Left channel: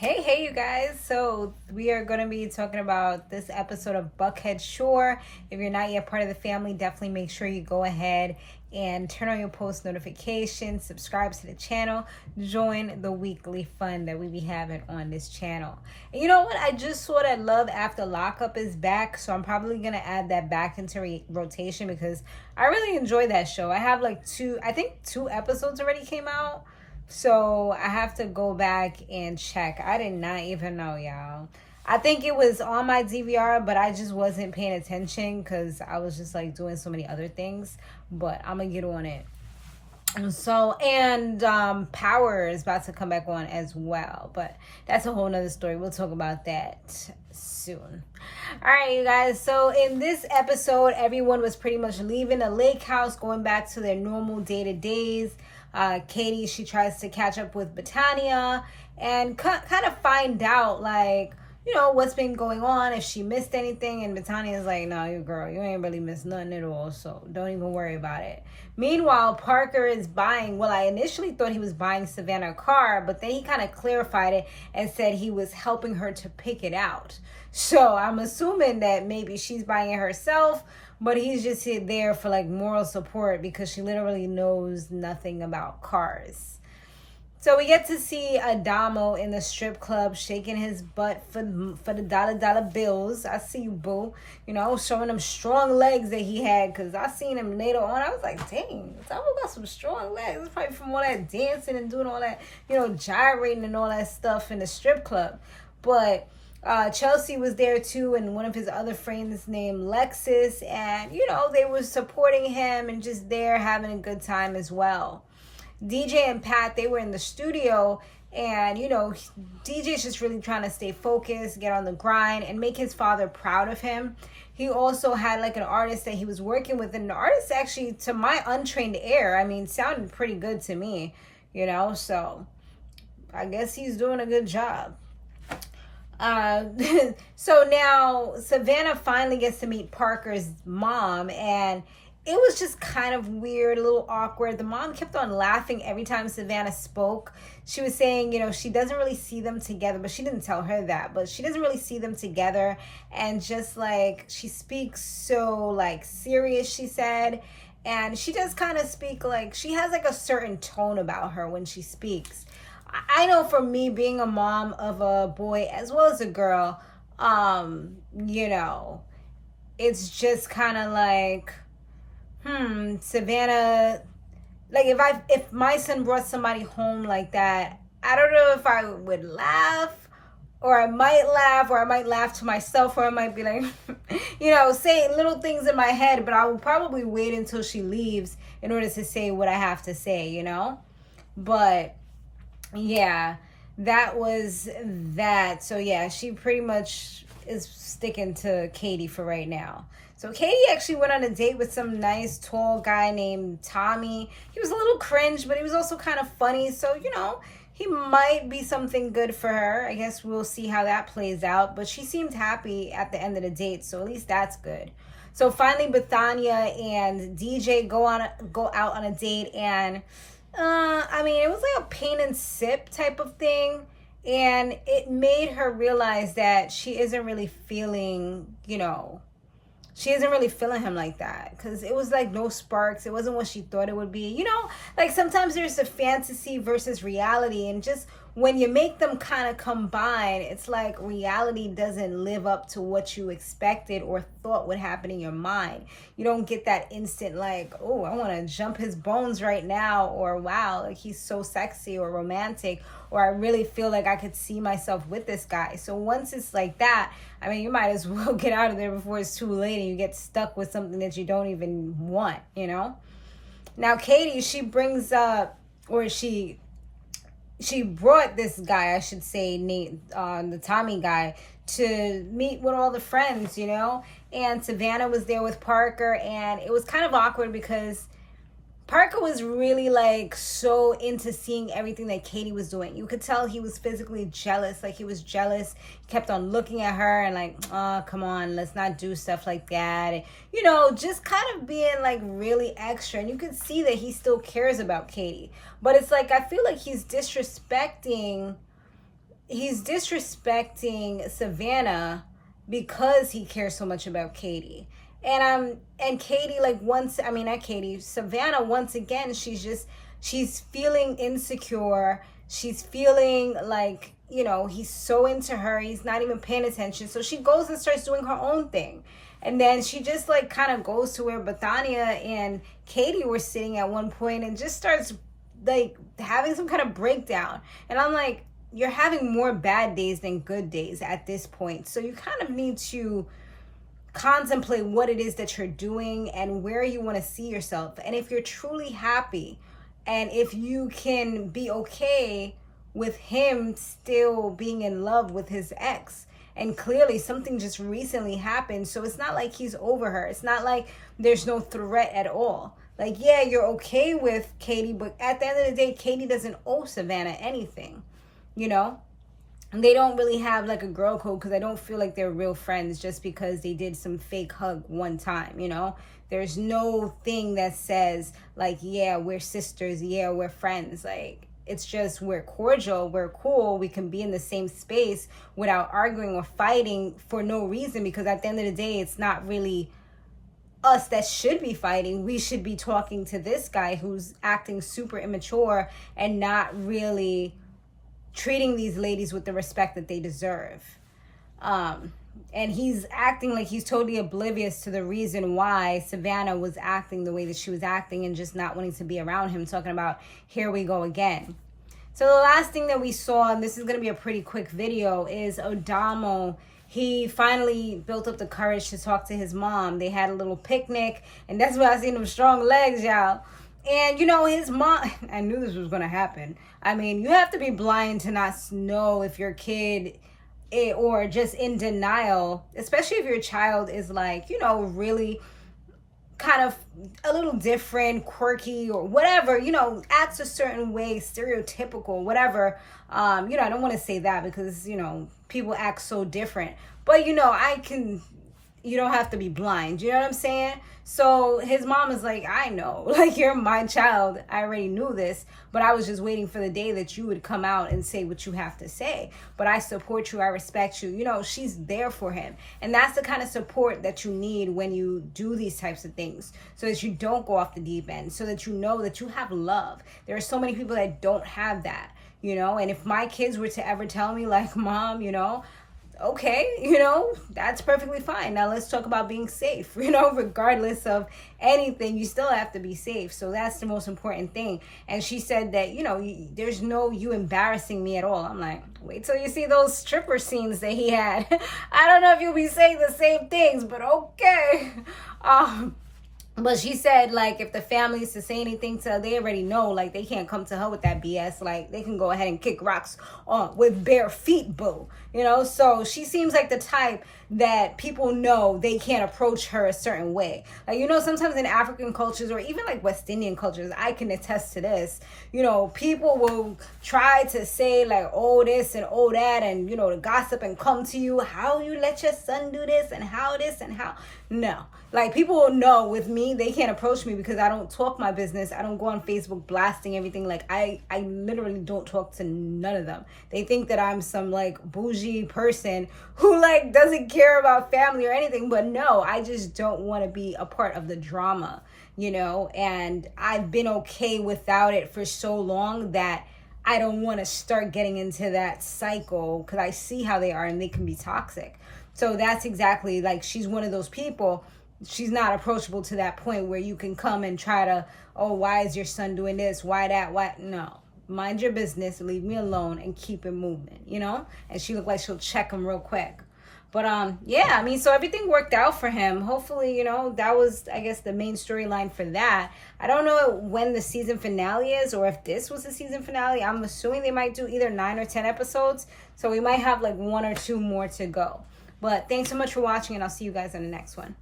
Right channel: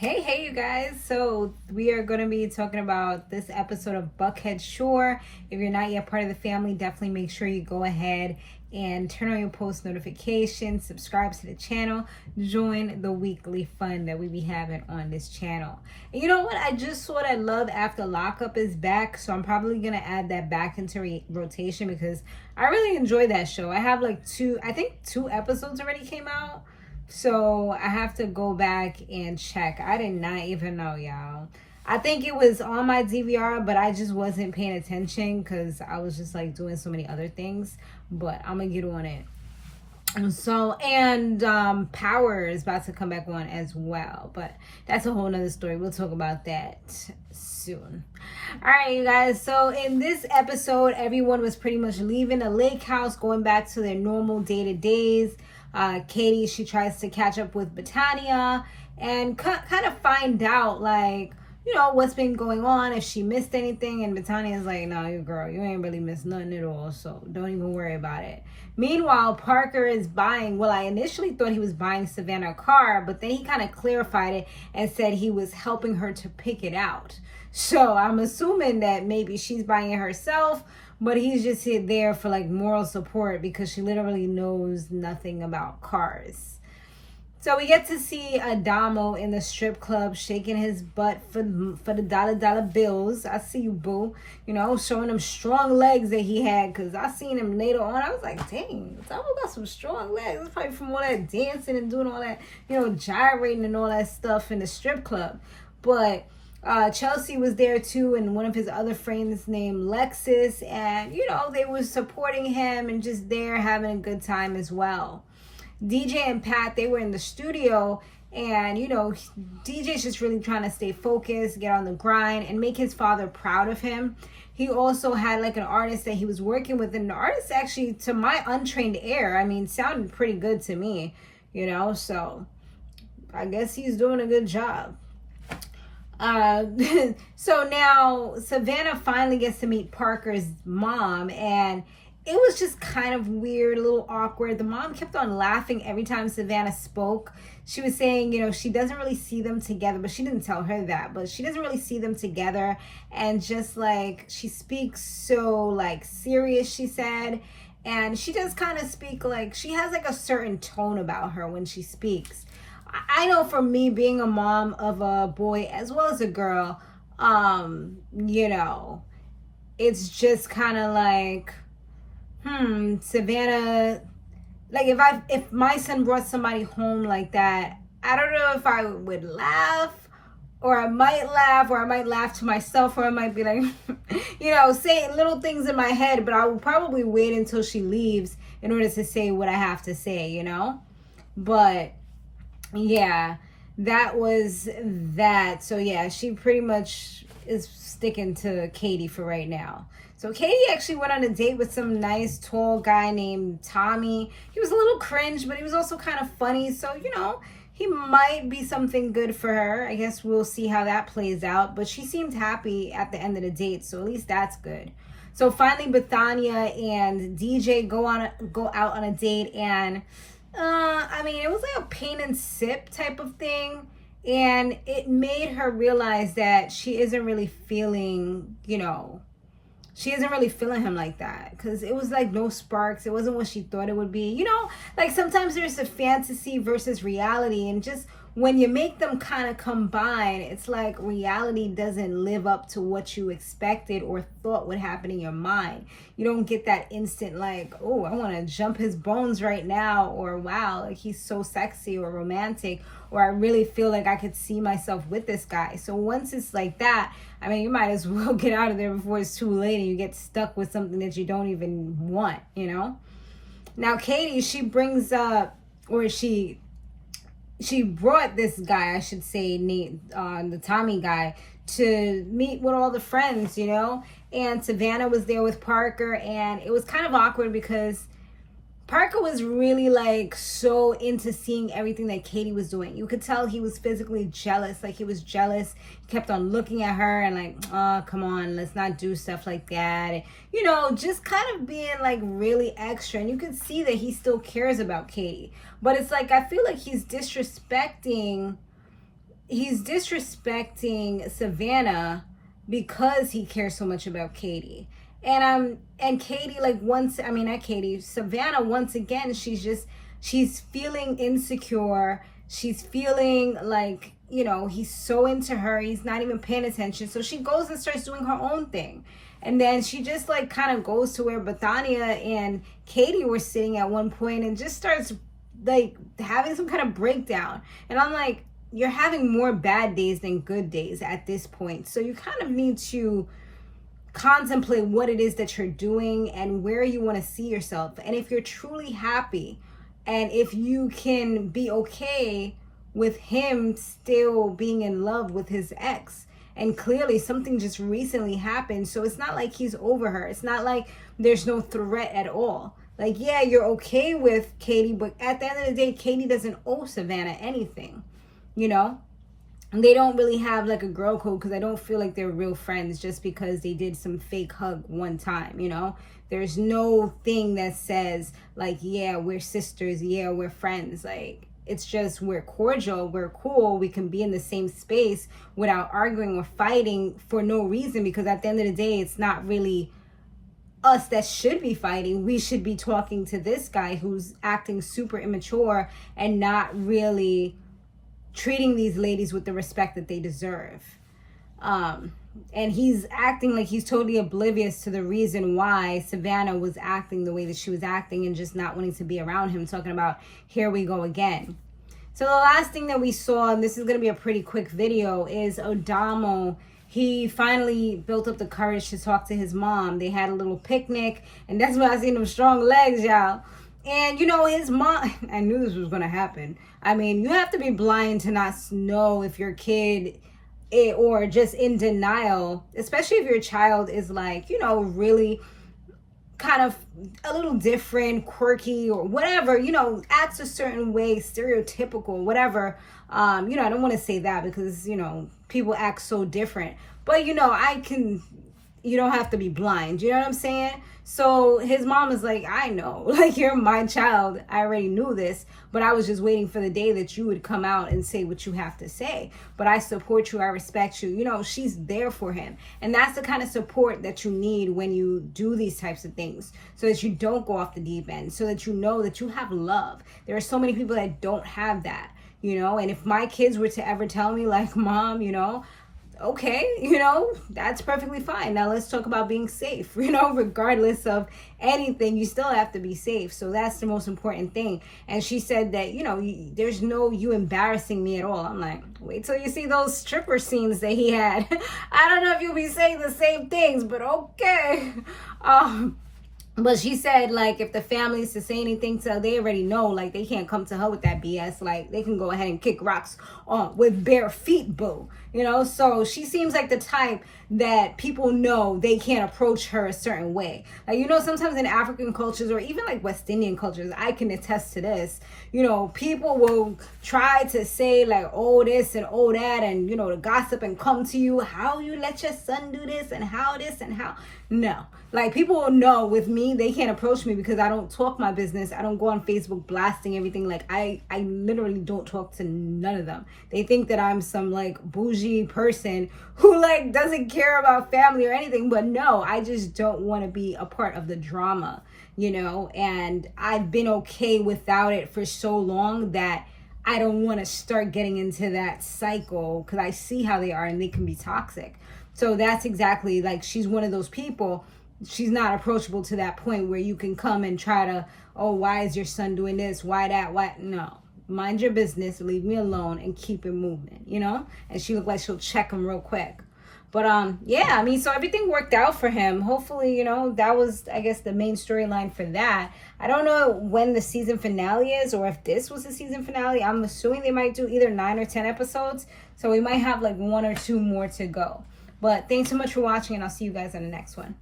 Hey, you guys. So, we are going to be talking about this episode of Buckhead Shore. If you're not yet part of the family, definitely make sure you go ahead and turn on your post notifications, subscribe to the channel, join the weekly fun that we be having on this channel. And you know what? I just saw that Love After Lockup is back, so I'm probably going to add that back into rotation because I really enjoy that show. I have like two episodes already came out. So I have to go back and check. I did not even know, y'all. I think it was on my DVR, but I just wasn't paying attention because I was just like doing so many other things. But I'm gonna get on it. So, and Power is about to come back on as well, but that's a whole nother story. We'll talk about that soon. All right, you guys. So in this episode, everyone was pretty much leaving the lake house, going back to their normal day-to-days. Katie, she tries to catch up with Bethania and kind of find out, like, you know, what's been going on, if she missed anything. And Bethania's like, no, you girl, you ain't really missed nothing at all, so don't even worry about it. Meanwhile, Parker is buying, well, I initially thought he was buying Savannah a car, but then he kind of clarified it and said he was helping her to pick it out. So I'm assuming that maybe she's buying it herself, but he's just there for like moral support because she literally knows nothing about cars. So we get to see Adomo in the strip club shaking his butt for the dollar bills. I see you, boo. You know, showing them strong legs that he had, because I seen him later on. I was like, dang, Adomo got some strong legs. It's probably from all that dancing and doing all that, you know, gyrating and all that stuff in the strip club. But Chelsea was there too, and one of his other friends named Lexis, and you know, they were supporting him and just there having a good time as well. DJ and Pat, they were in the studio, and you know, DJ's just really trying to stay focused, get on the grind, and make his father proud of him. He also had like an artist that he was working with, and the artist actually, to my untrained ear, I mean, sounded pretty good to me, you know, so I guess he's doing a good job. So now Savannah finally gets to meet Parker's mom, and it was just kind of weird, a little awkward. The mom kept on laughing every time Savannah spoke. She was saying, you know, she doesn't really see them together, but she didn't tell her that, but she doesn't really see them together. And just like, she speaks so like serious, she said. And she does kind of speak like, she has like a certain tone about her when she speaks. I know for me, being a mom of a boy as well as a girl, you know, it's just kind of like, Savannah, like if my son brought somebody home like that, I don't know if I would laugh, or I might laugh to myself, or I might be like, you know, saying little things in my head, but I will probably wait until she leaves in order to say what I have to say, you know, but yeah, that was that. So yeah, she pretty much is sticking to Katie for right now. So Katie actually went on a date with some nice tall guy named Tommy. He was a little cringe, but he was also kind of funny. So, you know, he might be something good for her. I guess we'll see how that plays out. But she seemed happy at the end of the date, so at least that's good. So finally, Bethania and DJ go out on a date, and I mean, it was like a paint and sip type of thing, and it made her realize that she isn't really feeling, you know, she isn't really feeling him like that, because it was like no sparks. It wasn't what she thought it would be, you know, like sometimes there's a fantasy versus reality, and just when you make them kind of combine, it's like reality doesn't live up to what you expected or thought would happen in your mind. You don't get that instant like, oh, I want to jump his bones right now, or wow, like he's so sexy or romantic, or I really feel like I could see myself with this guy. So once it's like that, I mean, you might as well get out of there before it's too late and you get stuck with something that you don't even want, you know? Now, Katie, she brings up, or she brought this guy, I should say, the Tommy guy, to meet with all the friends, you know? And Savannah was there with Parker, and it was kind of awkward because Parker was really like so into seeing everything that Katie was doing. You could tell he was physically jealous. Like he was jealous. He kept on looking at her and like, oh, come on, let's not do stuff like that. And, you know, just kind of being like really extra. And you could see that he still cares about Katie. But it's like, I feel like he's disrespecting he's disrespecting Savannah because he cares so much about Katie. And Katie, like, once, I mean, not Katie, Savannah, once again, she's feeling insecure. She's feeling like, you know, he's so into her, he's not even paying attention. So she goes and starts doing her own thing. And then she just, like, kind of goes to where Bethania and Katie were sitting at one point and just starts, like, having some kind of breakdown. And I'm like, you're having more bad days than good days at this point. So you kind of need to contemplate what it is that you're doing and where you want to see yourself. And if you're truly happy, and if you can be okay with him still being in love with his ex, and clearly something just recently happened, so it's not like he's over her. It's not like there's no threat at all. Like, yeah, you're okay with Katie, but at the end of the day, Katie doesn't owe Savannah anything, you know? And they don't really have like a girl code, because I don't feel like they're real friends just because they did some fake hug one time, you know? There's no thing that says like, yeah, we're sisters, yeah, we're friends. Like, it's just, we're cordial, we're cool, we can be in the same space without arguing or fighting for no reason, because at the end of the day, it's not really us that should be fighting. We should be talking to this guy who's acting super immature and not really treating these ladies with the respect that they deserve. And he's acting like he's totally oblivious to the reason why Savannah was acting the way that she was acting and just not wanting to be around him, talking about, here we go again. So the last thing that we saw, and this is going to be a pretty quick video, is Adomo. He finally built up the courage to talk to his mom. They had a little picnic, and that's why I seen them strong legs, y'all. And, you know, his mom, I knew this was going to happen. I mean, you have to be blind to not know if your kid, or just in denial, especially if your child is like, you know, really kind of a little different, quirky, or whatever, you know, acts a certain way, stereotypical, whatever. You know, I don't want to say that because, you know, people act so different. But, you know, you don't have to be blind. You know what I'm saying? So his mom is like, I know, like, you're my child. I already knew this, but I was just waiting for the day that you would come out and say what you have to say. But I support you. I respect you. You know, she's there for him. And that's the kind of support that you need when you do these types of things, so that you don't go off the deep end, so that you know that you have love. There are so many people that don't have that, you know, and if my kids were to ever tell me like, Mom, you know, okay, you know, that's perfectly fine. Now let's talk about being safe. You know, regardless of anything, you still have to be safe. So that's the most important thing. And she said that, you know, there's no you embarrassing me at all. I'm like, wait till you see those stripper scenes that he had. I don't know if you'll be saying the same things, but okay. But she said, like, if the family is to say anything to her, they already know, like, they can't come to her with that BS. Like, they can go ahead and kick rocks with bare feet, boo. You know, so she seems like the type that people know they can't approach her a certain way. Like, you know, sometimes in African cultures, or even like West Indian cultures, I can attest to this, you know, people will try to say like, oh, this and oh, that, and, you know, to gossip and come to you, how you let your son do this and how this and how. No, like, people will know with me, they can't approach me because I don't talk my business. I don't go on Facebook blasting everything. Like, I literally don't talk to none of them. They think that I'm some like bougie person who like doesn't care about family or anything. But no, I just don't want to be a part of the drama, you know, and I've been okay without it for so long that I don't want to start getting into that cycle, because I see how they are and they can be toxic. So that's exactly, like, she's one of those people. She's not approachable to that point where you can come and try to, oh, why is your son doing this? Why that? Why? No. Mind your business, leave me alone, and keep it moving, you know? And she looked like she'll check him real quick. But, yeah, I mean, so everything worked out for him. Hopefully, you know, that was, I guess, the main storyline for that. I don't know when the season finale is, or if this was the season finale. I'm assuming they might do either 9 or 10 episodes. So we might have like 1 or 2 more to go. But thanks so much for watching, and I'll see you guys in the next one.